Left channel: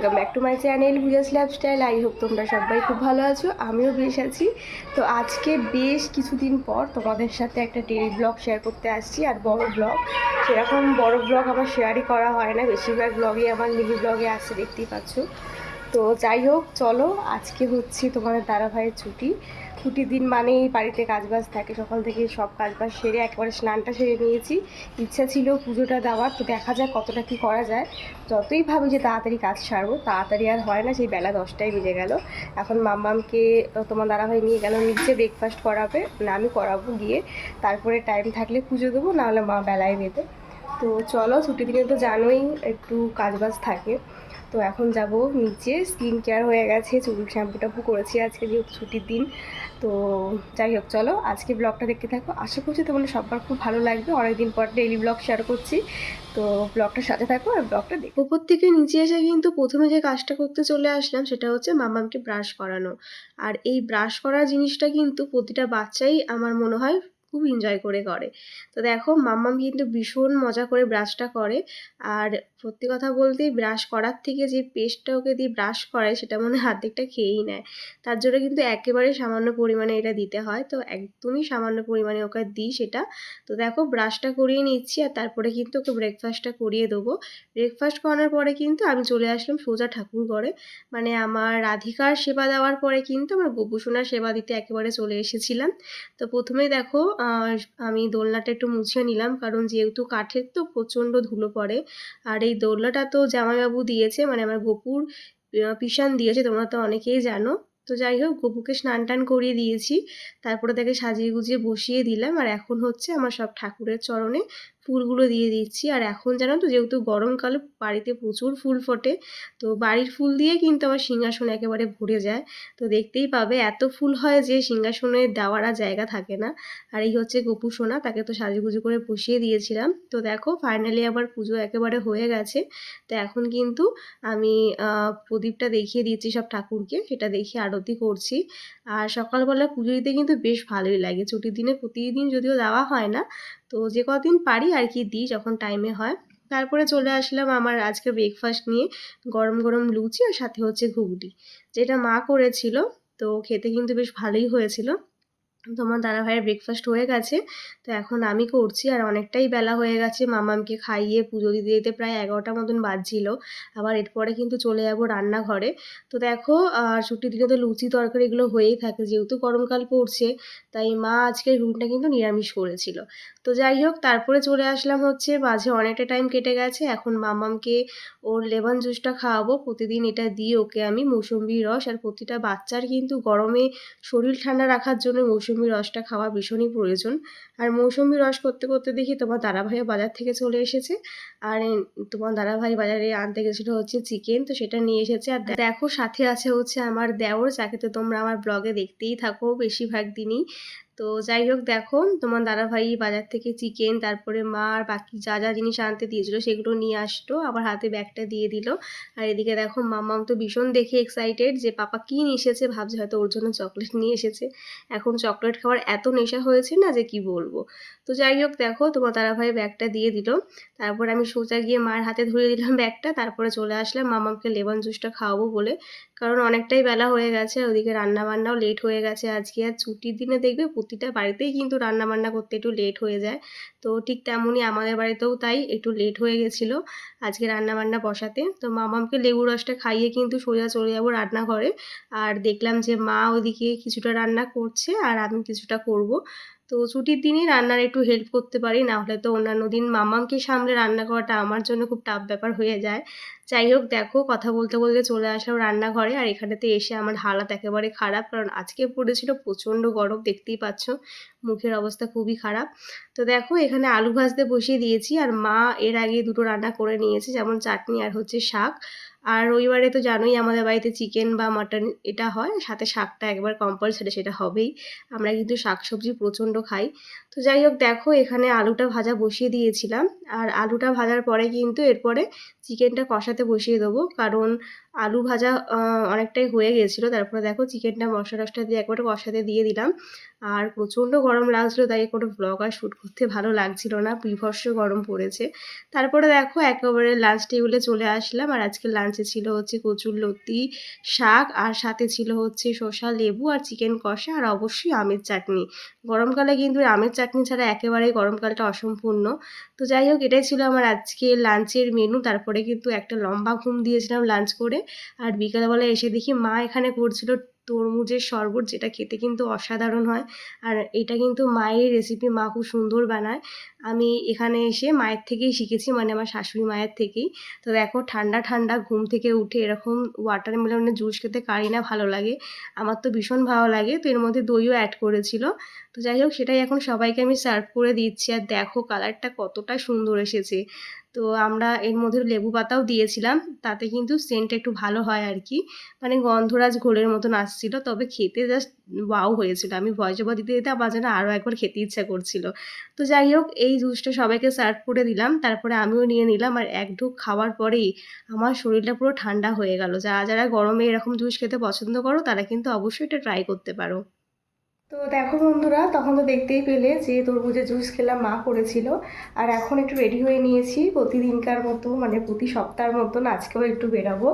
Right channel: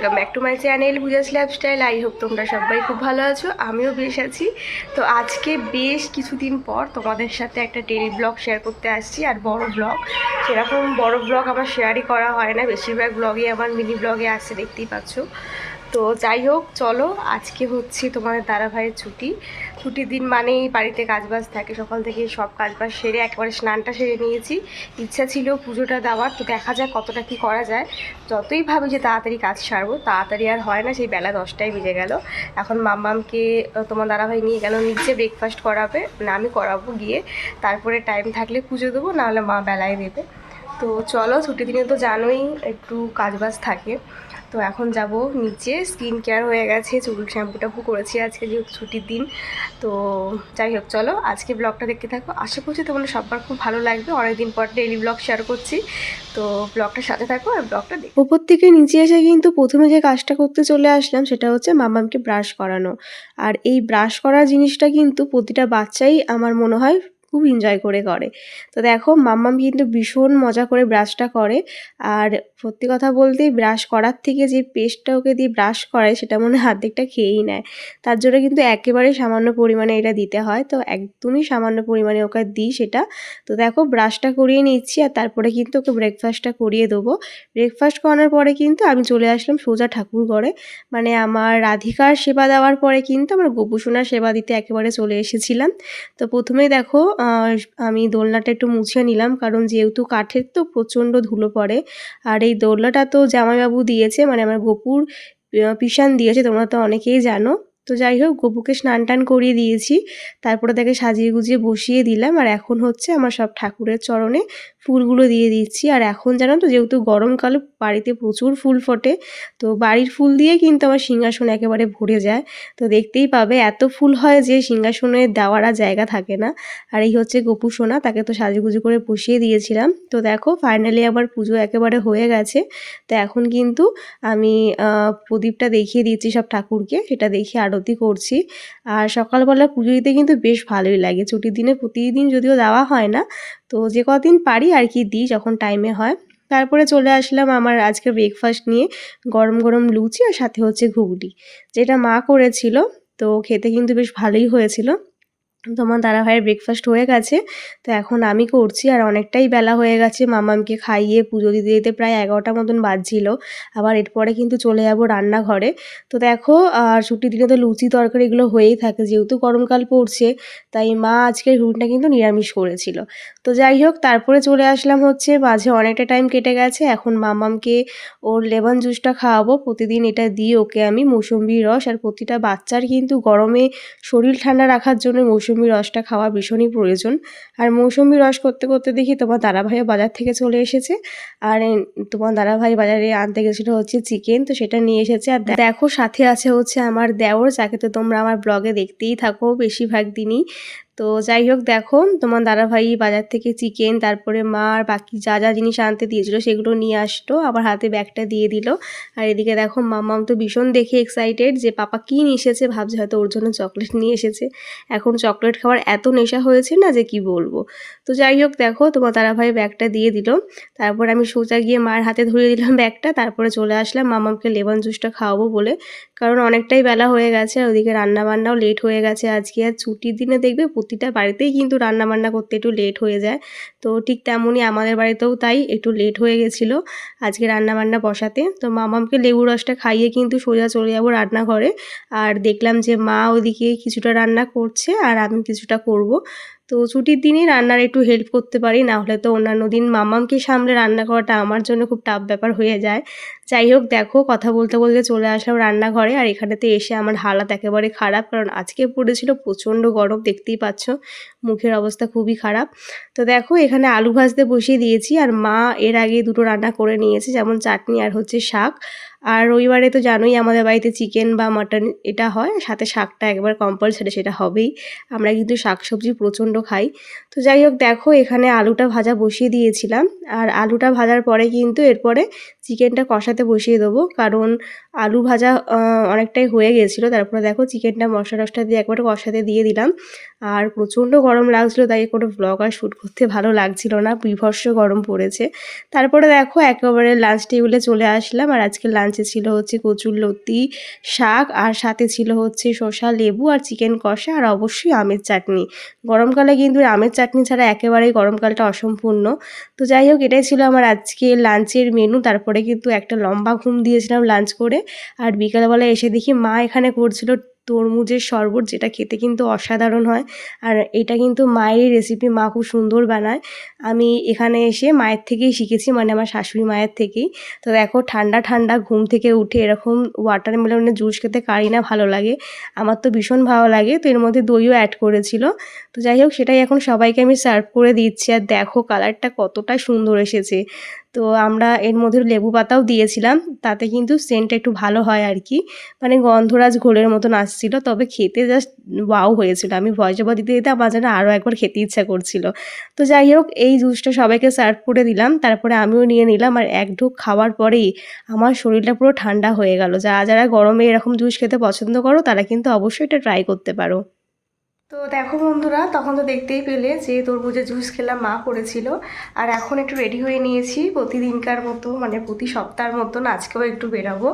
Welcome back to my channel Puja's lifestyle. I hope তোমরা সবাই খুব ভালো আছো, আমিও বেশ আছি। তো আজকে বেশ কিছুদিন পর তোমাদের সাথে একটা ডেইলি ব্লগ শেয়ার করতে আসছি। আর বড় ব্লগ, সেরকম বড় ব্লগ আমার শেয়ারই করা হয় না, বেশিরভাগ ব্লগই আমার মিনি ব্লগে আসছে, দেখতেই পাচ্ছ। তো যাই হোক, চলো, আজকে হচ্ছে তোমাদের দাদাভাইয়ের ছুটির দিন মানেই বাড়িতে কাজবাজ থাকে। সকাল থেকে সব কাজবাজ সেরে একেবারে স্নানটা সেরে নিয়েছি। ইচ্ছা ছিল পুজোটা দেওয়ার, তো দেখা যাক কতটা কি করা যায়। যতই ভাবি যে তাড়াতাড়ি কাজ সারবো, তাড়াতাড়ি আর হয় না। সেই বেলা 10টাই বেজে গেল। এখন মাম্মামকে তোমার দাদাভাই নিয়ে গেল নিচে ব্রেকফাস্ট করাবে, মানে আমি করাবো গিয়ে। তারপরে টাইম থাকলে পুজো দেবো, নাহলে মা বেলায় দেবে। তো চলো, ছুটির দিনে তো জানোই একটু কাজবাজ থাকে। তো এখন যাব নিচে, স্কিন কেয়ার হয়ে গেছে, চুল শ্যাম্পু টাম্পু করেছি আজকে যেহেতু ছুটির দিন। তো যাই হোক, চলো আজকে ব্লগটা দেখতে থাকো। আশা করছি তোমাদের সবার খুব ভালো লাগবে, অনেকদিন পর ডেইলি ব্লগ শেয়ার করছি। তো ব্লগটার সাথে থাকো আর ব্লগটা দেখো। উপর থেকে নিচে এসে কিন্তু প্রথমে যে কাজটা করতে চলে আসলাম সেটা হচ্ছে মামামকে ব্রাশ করানো। আর এই ব্রাশ করার জিনিসটা কিন্তু প্রতিটা বাচ্চাই আমার মনে হয় খুব এনজয় করে করে। তো দেখো, মাম্মাম কিন্তু ভীষণ মজা করে ব্রাশটা করে। আর সত্যি কথা বলতে, ব্রাশ করার থেকে যে পেস্টটা ওকে দিয়ে ব্রাশ করায় সেটা মনে হয় অর্ধেকটা খেয়েই নেয়। তার জন্য কিন্তু একেবারে সামান্য পরিমাণে এটা দিতে হয়, তো একদমই সামান্য পরিমাণে ওকে দিই সেটা। তো দেখো, ব্রাশটা করিয়ে নিচ্ছি আর তারপরে কিন্তু ওকে ব্রেকফাস্টটা করিয়ে দেবো। ব্রেকফাস্ট করানোর পরে কিন্তু আমি চলে আসলাম সোজা ঠাকুর ঘরে। মানে আমার রাধিকার সেবা দেওয়ার পরে কিন্তু আমার গোপুসোনার সেবা দিতে একেবারে চলে এসেছিলাম। তো প্রথমেই দেখো, আমি দোলনাটা একটু মুছে নিলাম, কারণ যেহেতু কাঠের তো প্রচণ্ড ধুলো পড়ে। আর এই দোলনাটা তো জামাইবাবু দিয়েছে, মানে আমার গোপুর পিসান দিয়েছে, তোমরা তো অনেকেই জানো। তো যাই হোক, গপুকে স্নান টান করিয়ে দিয়েছি, তারপরে তাকে সাজিয়ে গুজিয়ে বসিয়ে দিলাম। আর এখন হচ্ছে আমার সব ঠাকুরের চরণে ফুলগুলো দিয়ে দিচ্ছি। আর এখন জানো তো, যেহেতু গরমকালে বাড়িতে প্রচুর ফুল ফোটে, তো বাড়ির ফুল দিয়ে কিন্তু আমার সিংহাসন একেবারে ভরে যায়। তো দেখতেই পাবে এত ফুল হয় যে সিংহাসনে দেওয়ার আর জায়গা থাকে না। আর এই হচ্ছে গপু সোনা, তাকে তো সাজুগুজু করে বসিয়ে দিয়েছিলাম। তো দেখো, ফাইনালি আবার পুজো একেবারে হয়ে গেছে। তো এখন কিন্তু আমি প্রদীপটা দেখিয়ে দিচ্ছি সব ঠাকুরকে, সেটা দেখে আরতি করছি। আর সকালবেলা পুজো দিতে কিন্তু বেশ ভালোই লাগে। ছুটির দিনে প্রতিদিন যদিও দেওয়া হয় না, তো যে কদিন পারি আর কি দিই, যখন টাইমে হয়। তারপরে চলে আসলাম আমার আজকে ব্রেকফাস্ট নিয়ে। গরম গরম লুচি আর সাথে হচ্ছে ঘুগনি, যেটা মা করেছিল। তো খেতে কিন্তু বেশ ভালোই হয়েছিল। তোমার দাদাভাইয়ের ব্রেকফাস্ট হয়ে গেছে, তো এখন আমি করছি। আর অনেকটাই বেলা হয়ে গেছে, মামামকে খাইয়ে পুজো দিতে দিতে প্রায় 11টা মতন বাজছিল। আবার এরপরে কিন্তু চলে যাব রান্নাঘরে। তো দেখো, আর ছুটির দিনে তো লুচি তরকারি এগুলো হয়েই থাকে, যেহেতু গরমকাল পড়ছে, তাই মা আজকের রুটিনটা কিন্তু নিরামিষ করেছিল। তো যাই হোক, তারপরে চলে আসলাম হচ্ছে, মাঝে অনেকটা টাইম কেটে গেছে। এখন মামামকে ওর লেমন জুসটা খাওয়াবো, প্রতিদিন এটা দিই ওকে আমি, মৌসুম্বি রস। আর প্রতিটা বাচ্চার কিন্তু গরমে শরীর ঠান্ডা রাখার জন্য মৌসুমি রসটা খাওয়া ভীষণই প্রয়োজন। আর মৌসুমি রস করতে করতে দেখি তোমার দাদাভাইও বাজার থেকে চলে এসেছে। আর তোমার দাদাভাই বাজারে আনতে গেছিলো হচ্ছে চিকেন, তো সেটা নিয়ে এসেছে। আর দেখো, সাথে আছে হচ্ছে আমার দেওর, যাকে তো তোমরা আমার ব্লগে দেখতেই থাকো বেশিরভাগ দিনই। তো যাই হোক, দেখো, তোমার দাদাভাই বাজার থেকে চিকেন, তারপরে মা আর বাকি যা যা জিনিস আনতে দিয়েছিল সেগুলো নিয়ে আসতো, আবার হাতে ব্যাগটা দিয়ে দিল। আর এদিকে দেখো, মাম্মাম তো ভীষণ দেখে এক্সাইটেড যে পাপা কী নিয়ে এসেছে, ভাবছে হয়তো ওর জন্য চকলেট নিয়ে এসেছে। এখন চকলেট খাওয়ার এত নেশা হয়েছে না যে কি বলবো। তো যাই হোক, দেখো, তোমার দাদাভাই ব্যাগটা দিয়ে দিল। তারপর আমি সোজা গিয়ে মায়ের হাতে ধরে দিলাম ব্যাগটা, তারপরে চলে আসলাম মামামকে লেমন জুসটা খাওয়াবো বলে, কারণ অনেকটাই বেলা হয়ে গেছে। আর ওদিকে রান্নাবান্নাও লেট হয়ে গেছে আজকে। আর ছুটির দিনে দেখবে প্রতিটা বাড়িতেই কিন্তু রান্নাবান্না করতে একটু লেট হয়ে যায়। তো ঠিক তেমনই আমাদের বাড়িতেও তাই একটু লেট হয়ে গেছিলো আজকে রান্নাবান্না বসাতে। তো মামামকে লেবু রসটা খাইয়ে কিন্তু সোজা চলে যাবো রান্নাঘরে। আর দেখলাম যে মা ওদিকে কিছুটা রান্না করছে আর আমি কিছুটা করব। তো ছুটির দিনই রান্নার একটু হেল্প করতে পারি, না হলে তো অন্যান্য দিন মামামকে সামলে রান্না করাটা আমার জন্য খুব টাফ ব্যাপার হয়ে যায়। যাই হোক, দেখো, কথা বলতে বলতে চলে আসলাম রান্নাঘরে। আর এখানেতে এসে আমার হালাত একেবারে খারাপ, কারণ আজকে পড়েছিল প্রচণ্ড গরম, দেখতেই পাচ্ছ মুখের অবস্থা খুবই খারাপ। তো দেখো, এখানে আলু ভাজতে বসিয়ে দিয়েছি। আর মা এর আগে দুটো রান্না করে নিয়েছে, যেমন চাটনি আর হচ্ছে শাক। আর রবিবারে তো জানোই আমাদের বাড়িতে চিকেন বা মাটন এটা হয়, সাথে শাকটা একবার কম্পালসারি, সেটা হবেই। আমরা কিন্তু শাকসবজি প্রচণ্ড খাই। তো যাই হোক, দেখো, এখানে আলুটা ভাজা বসিয়ে দিয়েছিলাম। আর আলুটা ভাজার পরে কিন্তু এরপরে চিকেনটা কষাতে বসিয়ে দেবো, কারণ আলু ভাজা অনেকটাই হয়ে গিয়েছিলো। তারপরে দেখো চিকেনটা মশলা টশলা দিয়ে একবারে কষাতে দিয়ে দিলাম। আর প্রচণ্ড গরম লাগছিলো, তাই কোনো ব্লগ আর শ্যুট করতে ভালো লাগছিল না, বীভৎস গরম পড়েছে। তারপরে দেখো একেবারে লাঞ্চ টেবিলে চলে আসলাম। আর আজকে লাঞ্চে ছিল হচ্ছে কচুরলতি, শাক, আর সাথে ছিল হচ্ছে শসা, লেবু আর চিকেন কষা, আর অবশ্যই আমের চাটনি। গরমকালে কিন্তু আমের চাটনি ছাড়া একেবারেই গরমকালটা অসম্পূর্ণ। তো যাই হোক, এটাই ছিল আমার আজকে লাঞ্চের মেনু। তারপরে কিন্তু একটা লম্বা ঘুম দিয়েছিলাম লাঞ্চ করে। আর বিকালবেলা এসে দেখি মা এখানে করছিল তরমুজের শরবত, যেটা খেতে কিন্তু অসাধারণ হয়। আর এটা কিন্তু মায়েরই রেসিপি, মা খুব সুন্দর বানায়। আমি এখানে এসে মায়ের থেকেই শিখেছি, মানে আমার শাশুড়ি মায়ের থেকেই। তো দেখো ঠান্ডা ঠান্ডা ঘুম থেকে উঠে এরকম ওয়াটারমেলনের জুস খেতে কারি না ভালো লাগে, আমার তো ভীষণ ভালো লাগে। তো এর মধ্যে দইও অ্যাড করেছিল। তো যাই হোক, সেটাই এখন সবাইকে আমি সার্ভ করে দিচ্ছি। আর দেখো কালারটা কতটা সুন্দর এসেছে। তো আমরা এর মধ্যে লেবু পাতাও দিয়েছিলাম, তাতে কিন্তু সেন্টটা একটু ভালো হয় আর কি, মানে গন্ধরাজ ঘোলের মতন আসছিল। তবে খেতে জাস্ট ওয়াও হয়েছিল। আমি ভয়েস ওভার দিতে দিতে আমার যেন আরও একবার খেতে ইচ্ছা করছিল। তো যাই হোক, এই জুসটা সবাইকে সার্ভ করে দিলাম, তারপরে আমিও নিয়ে নিলাম। আর এক ঢোক খাওয়ার পরেই আমার শরীরটা পুরো ঠান্ডা হয়ে গেল। যারা যারা গরমে এরকম জুস খেতে পছন্দ করো, তারা কিন্তু অবশ্যই এটা ট্রাই করতে পারো। তো দেখো বন্ধুরা, তখন তো দেখতেই পেলে যে তরমুজের জুস খেলাম, মা করেছিল। আর এখন একটু রেডি হয়ে নিয়েছি প্রতিদিনকার মতো, মানে প্রতি সপ্তাহের মতন আজকেও একটু বেরাবো।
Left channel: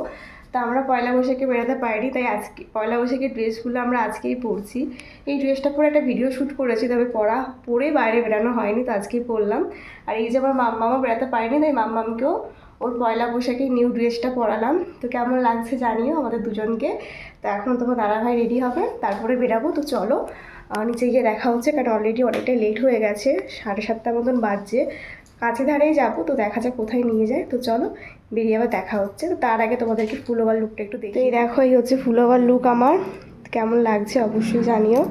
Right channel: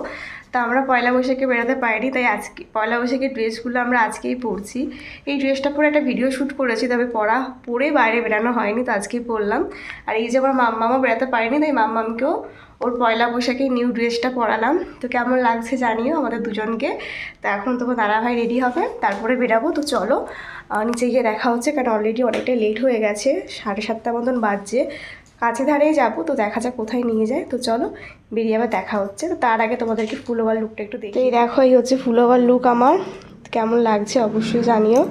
তা আমরা পয়লা বৈশাখে বেরোতে পারিনি, তাই আজকে পয়লা বৈশাখের ড্রেসগুলো আমরা আজকেই পরছি। এই ড্রেসটা পরে একটা ভিডিও শ্যুট করেছি, তবে পরে বাইরে বেরানো হয়নি, তো আজকেই পরলাম। আর এই যে আমার মাম্মামও বেরাতে পারিনি, তাই মাম্মামকেও ওর পয়লা বৈশাখে নিউ ড্রেসটা পরালাম। তো কেমন লাগছে জানিও আমাদের দুজনকে। তো এখন তোমার দাদাভাই রেডি হবে, তারপরে বেরাবো। তো চলো নিচে গিয়ে দেখা হচ্ছে, কারণ অলরেডি অনেকটাই লেট হয়ে গেছে, 7:30 মতন বাজছে। কাছে ধারেই যাবো, তো দেখা যাক কোথায় নিয়ে যায়। তো চলো বেরিয়ে আবার দেখা হচ্ছে। তো তার আগে তোমাদেরকে ফুল ওভার লুকটা একটু দেখি। এই দেখো, এই হচ্ছে ফুল ওভার লুক আমার। কেমন লাগছে অবশ্যই জানিও।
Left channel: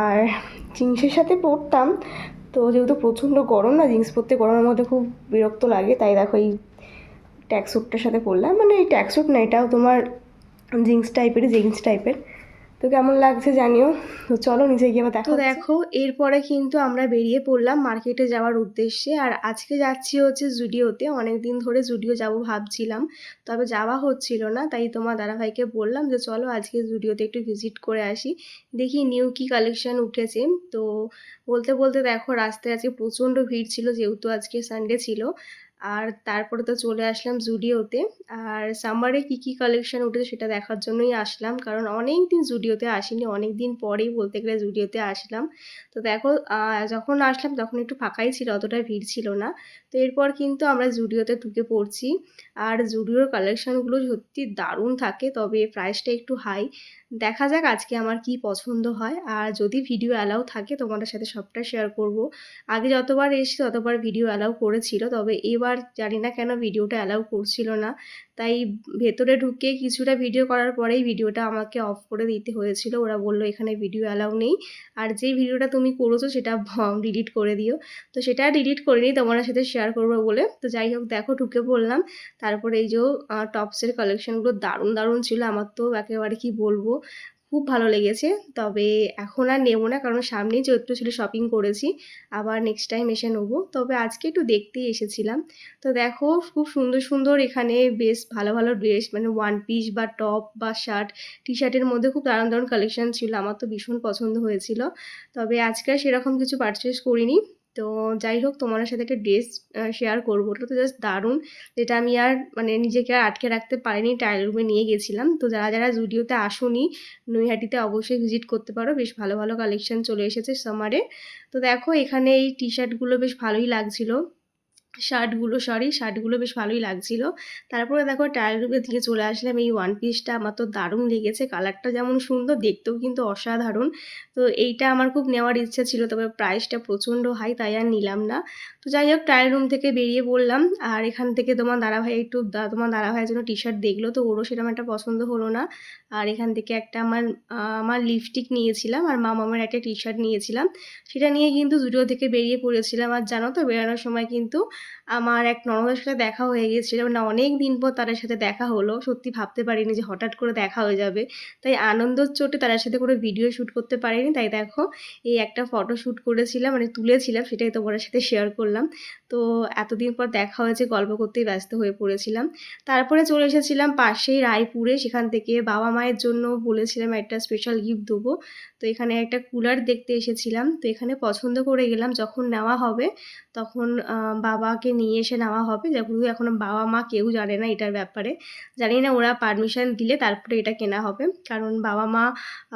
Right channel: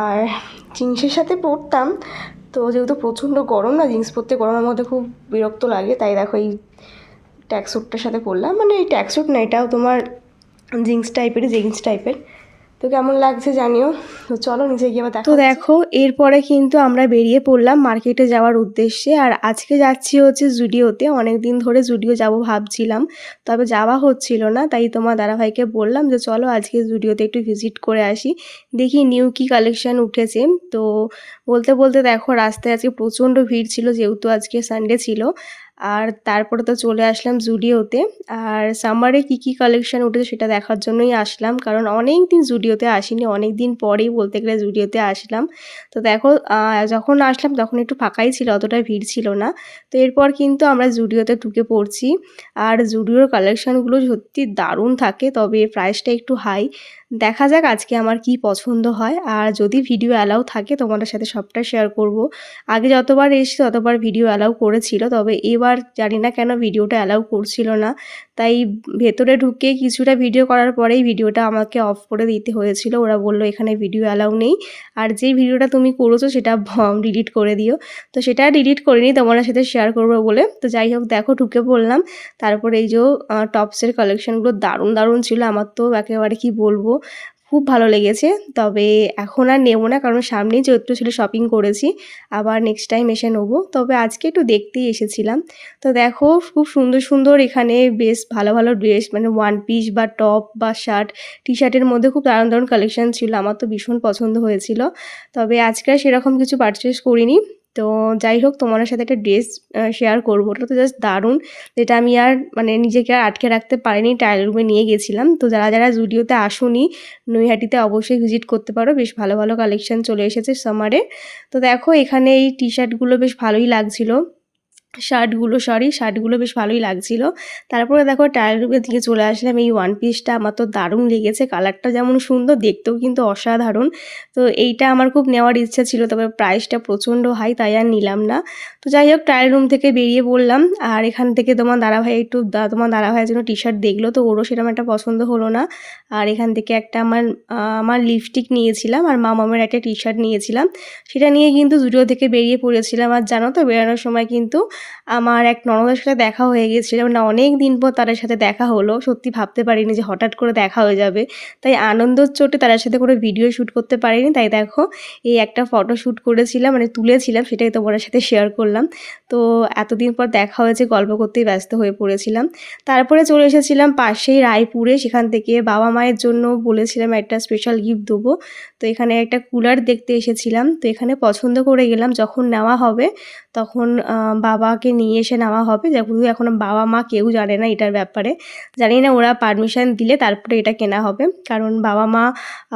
আর জিন্সের সাথে পরতাম, তো যেহেতু প্রচণ্ড গরম না, জিন্স পরতে গরমের মধ্যে খুব বিরক্ত লাগে, তাই দেখো এই ট্যাক্সুটটার সাথে পরলাম। মানে এই ট্যাক্সুট না, এটাও তোমার জিন্স টাইপের। তো কেমন লাগছে জানিও। তো চলো নিচে গিয়ে আবার দেখো। তো দেখো এরপরে কিন্তু আমরা বেরিয়ে পড়লাম মার্কেটে যাওয়ার উদ্দেশ্যে। আর আজকে যাচ্ছি হচ্ছে জুডিওতে। অনেক দিন ধরে জুডিও যাব ভাবছিলাম, তবে যাওয়া হচ্ছিল না। তাই তোমার দাদাভাইকে বললাম যে চলো আজকে জুডিওতে একটু ভিজিট করে আসি, দেখি নিউ কি কালেকশান উঠেছে। তো বলতে বলতে দেখো রাস্তায় আজকে প্রচণ্ড ভিড় ছিল, যেহেতু আজকে সানডে ছিল। আর তারপরে তো চলে আসলাম জুডিওতে। আর সামারে কি কালেকশান উঠেছে সেটা দেখার জন্যই আসলাম, কারণ অনেক দিন জুডিওতে আসিনি, অনেক দিন পরেই বলতে গেলে জুডিওতে আসলাম। তো দেখো যখন আসলাম তখন একটু ফাঁকাই ছিল, অতটা ভিড় ছিল না। তো এরপর কিন্তু আমরা জুডিওতে ঢুকে পড়ছি। আর জুডিওর কালেকশানগুলো সত্যি দারুণ থাকে, তবে প্রাইসটা একটু হাই। দেখা যাক আজকে আমার কি পছন্দ হয়। আর যদি ভিডিও অ্যালাউ থাকে তোমাদের সাথে সবটা শেয়ার করব। আগে যতবার এসেছি ততবার ভিডিও অ্যালাউ করেছিল, তবে এবার জানি না কেন ভিডিওটা অ্যালাউ করছিল না। তাই ভেতরে ঢুকে কিছুটা ভিডিও করার পরেই ভিডিওটা আমাকে অফ করে দিতে হয়েছিল। ওরা বলল এখানে ভিডিও অ্যালাউ নেই, আর যেই ভিডিওটা তুমি করেছো সেটা ডিলিট করে দিও। তো সেটা ডিলিট করিনি, তোমাদের সাথে শেয়ার করবো বলে। তো যাই হোক, দেখো ঢুকে পড়লাম। তারপরে এই যে টপসের কালেকশানগুলো দারুণ দারুণ ছিল, আমার তো একেবারে কি বলবো, খুব ভালো লেগেছে। তবে এখন আর নেবো না, কারণ সামনেই চৈত্র ছিল, শপিং করেছি। আবার নেক্সট টাইম এসে নেবো, তবে আজকে একটু দেখতেই এসেছিলাম। তো দেখো খুব সুন্দর সুন্দর এখানে বেশ ভালো ভালো ড্রেস, মানে ওয়ান পিস বা টপ বা শার্ট, টি শার্টের মধ্যে খুব দারুণ দারুণ কালেকশান ছিল, আমার তো ভীষণ পছন্দ হয়েছিল। তবে আজকে আর সেরকম কিছু পারচেস করিনি। তো যাই হোক, তোমার সাথে একটা ড্রেস শেয়ার করবো, ওটা তো জাস্ট দারুণ, যেটা আমি আর মানে নিজেকে আর আটকে রাখতে পারিনি, ট্রায়াল রুমে নিয়ে গেছিলাম। তো যারা যারা জুডিওতে আসোনি, নৈহাটিতে অবশ্যই ভিজিট করতে পারো, বেশ ভালো ভালো কালেকশান চলে এসেছে সামারে। তো দেখো এখানে এই টি শার্টগুলো বেশ ভালোই লাগছিলো, শার্টগুলো বেশ ভালোই লাগছিল। তারপরে দেখো ট্রায়াল রুমের দিকে চলে আসলাম। এই ওয়ান পিসটা আমার তো দারুণ লেগেছে, কালারটা যেমন সুন্দর, দেখতেও কিন্তু অসাধারণ। তো এইটা আমার খুব নেওয়ার ইচ্ছা ছিল, তবে প্রাইসটা প্রচণ্ড হাই, তাই আর নিলাম না। তো যাই হোক, ট্রায়াল রুম থেকে বেরিয়ে পড়লাম। আর এখান থেকে তোমার দাদাভাইয়ের জন্য টি শার্ট দেখলো, তো ওরও সেরকম একটা পছন্দ হলো না। আর এখান থেকে একটা আমার লিপস্টিক নিয়েছিলাম, আর মামামের একটা টি শার্ট নিয়েছিলাম। সেটা নিয়ে কিন্তু জুডিও থেকে বেরিয়ে পড়েছিলাম। আর জানো তো, বেরোনোর সময় কিন্তু আমার এক ননদের সাথে দেখা হয়ে গিয়েছিল, মানে অনেক দিন পর তাদের সাথে দেখা হলো। সত্যি ভাবতে পারিনি যে হঠাৎ করে দেখা হয়ে যাবে। তাই আনন্দর চোটে তাদের সাথে কোনো ভিডিও শ্যুট করতে পারিনি। তাই দেখো এই একটা ফটো শ্যুট করেছিলাম, মানে তুলেছিলাম, সেটাই তোমাদের সাথে শেয়ার করলাম। তো এতদিন পর দেখা হয়েছে, গল্প করতেই ব্যস্ত হয়ে পড়েছিলাম। তারপরে চলে এসেছিলাম পাশেই রায়পুরে, সেখান থেকে বাবা মায়ের জন্য বলেছিলাম একটা স্পেশাল গিফট দেবো। তো এখানে একটা কুলার দেখতে এসেছিলাম। তো এখানে পছন্দ করে গেলাম, যখন নেওয়া হবে তখন বাবাকে নিয়ে এসে নেওয়া হবে। যেহেতু এখনও বাবা মা কেউ জানে না এটার ব্যাপারে, জানি না ওরা পারমিশন দিলে তারপরে এটা কেনা হবে। কারণ বাবা মা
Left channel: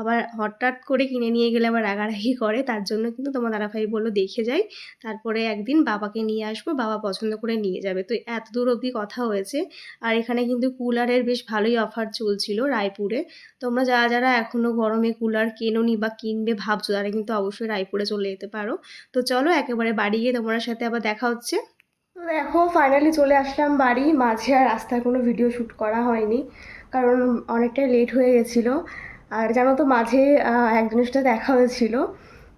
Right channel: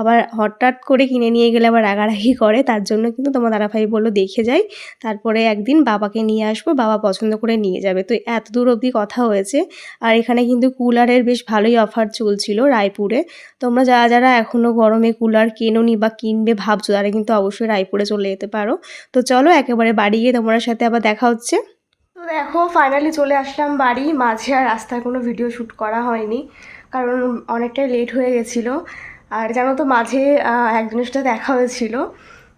আবার হঠাৎ করে কিনে নিয়ে গেলে আবার রাগারাগি করে, তার জন্য কিন্তু তোমার দাদাভাই বললো দেখে যাই, তারপরে একদিন বাবাকে নিয়ে আসবো, বাবা পছন্দ করে নিয়ে যাবে। তো এত দূর অবধি কথা হয়েছে। আর এখানে কিন্তু কুলারের বেশ ভালোই অফার চলছিল রায়পুরে। তোমরা যারা যারা এখনও গরমে কুলার কেনোনি বা কিনবে ভাবছো, তারা কিন্তু অবশ্যই রায়পুরে চলে যেতে পারো। তো চলো একেবারে বাড়ি গিয়ে তোমার সাথে আবার দেখা হচ্ছে। তো দেখো ফাইনালি চলে আসলাম বাড়ি। মাঝে আর রাস্তায় কোনো ভিডিও শ্যুট করা হয়নি, কারণ অনেকটাই লেট হয়ে গেছিলো। আর জানো তো মাঝে একজনের সাথে দেখা হয়েছিল,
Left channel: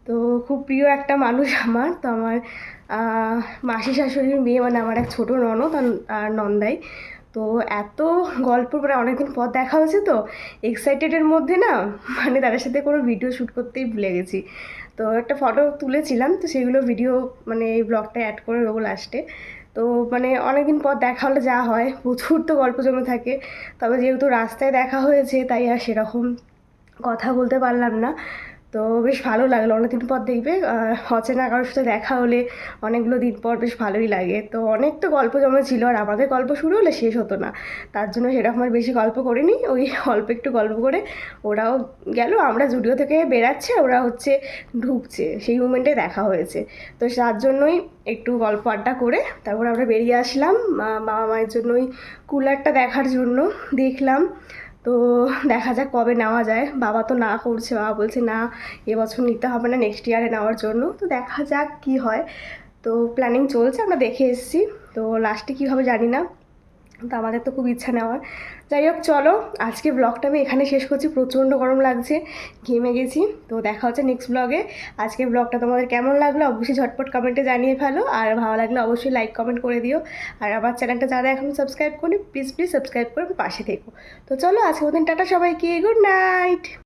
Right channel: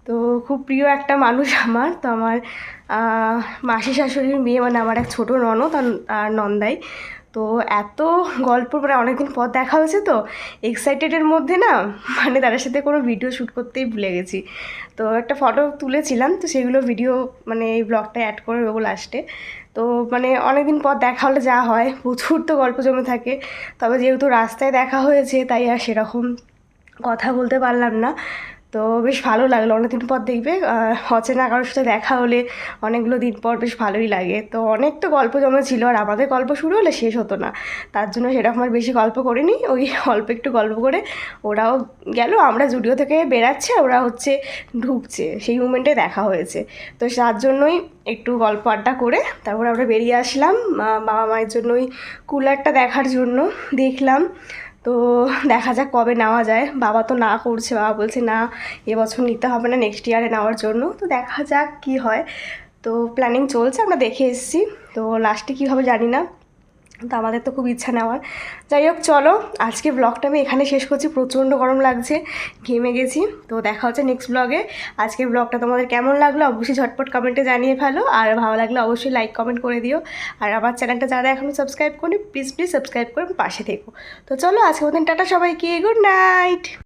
তো খুব প্রিয় একটা মানুষ আমার। তো আমার মাসি শাশুড়ির মেয়ে, মানে আমার এক ছোটো ননদ আর নন্দাই। তো এত গল্প, মানে অনেকদিন পর দেখা হয়েছে, তো এক্সাইটেডের মধ্যে না মানে তাদের সাথে কোনো ভিডিও শ্যুট করতেই ভুলে গেছি। তো একটা ফটো তুলেছিলাম, তো সেগুলো ভিডিও মানে এই ব্লগটায় অ্যাড করে দেবো লাস্টে। তো মানে অনেকদিন পর দেখা হলে যা হয়, প্রচুর তো গল্প জমে থাকে। তবে যেহেতু রাস্তায় দেখা হয়েছে, তাই আর সেরকম কথা বলতে পারলাম না। তো বেশ ভালো লাগলো, অনেকদিন পর দেখবে অচেনা কারোর সাথে দেখা হলে অনেকগুলো দিন পর বেশ ভালোই লাগে। তো অনেক তো গল্প জমেছিল, আর আমাদের গল্প শুরু হলে শেষ হতো না, তার জন্য সেরকম আর বেশি গল্প করিনি। ওই অল্প একটু গল্প করে ওরাও গেল, আমরা জুডিও থেকে বেরাচ্ছে, ওরা হচ্ছে ঢুকছে, সেই মুমেন্টে দেখা হয়েছে। তো তার জন্যই একটু গল্প আড্ডা করে তারপরে আমরা বেরিয়ে আসলাম বাবা মায়ের জন্য ওই কুলারটা দেখার জন্য। দেখলাম, তো দেখা যাক কবে নেওয়া যায়। বাবা তো না করছে, বাবা বলছে না এবছর নিতে হবে না, নেক্সট ইয়ারে নেওয়ার জন্য। তো দেখা যাক কি হয়। তো প্ল্যানিং চলছে, আমরা দেখে এসেছি, তো লাস্টে কী হবে জানি না। তো আমাদের তো খুব ইচ্ছা নেওয়ার। যাই হোক চলো, আজকে ব্লগটা আমি এখানে শেষ করছি, প্রচণ্ড গরম লাগছে, ঘেমে গেছি। তো দেখা হচ্ছে নেক্সট ব্লগে। আজকের ব্লগটা তোমাদের কেমন লাগলো অবশ্যই ঝটপট কমেন্টে জানিয়ে ফেলো, আর ভালো লাগলে অবশ্যই লাইক কমেন্ট করে দিও। আর আমার চ্যানেলটা যারা এখনও সাবস্ক্রাইব করি প্লিজ সাবস্ক্রাইব করে পাশে থেকো। তো চলো আজকে মতন টাটা সবাইকে, গুড নাইট।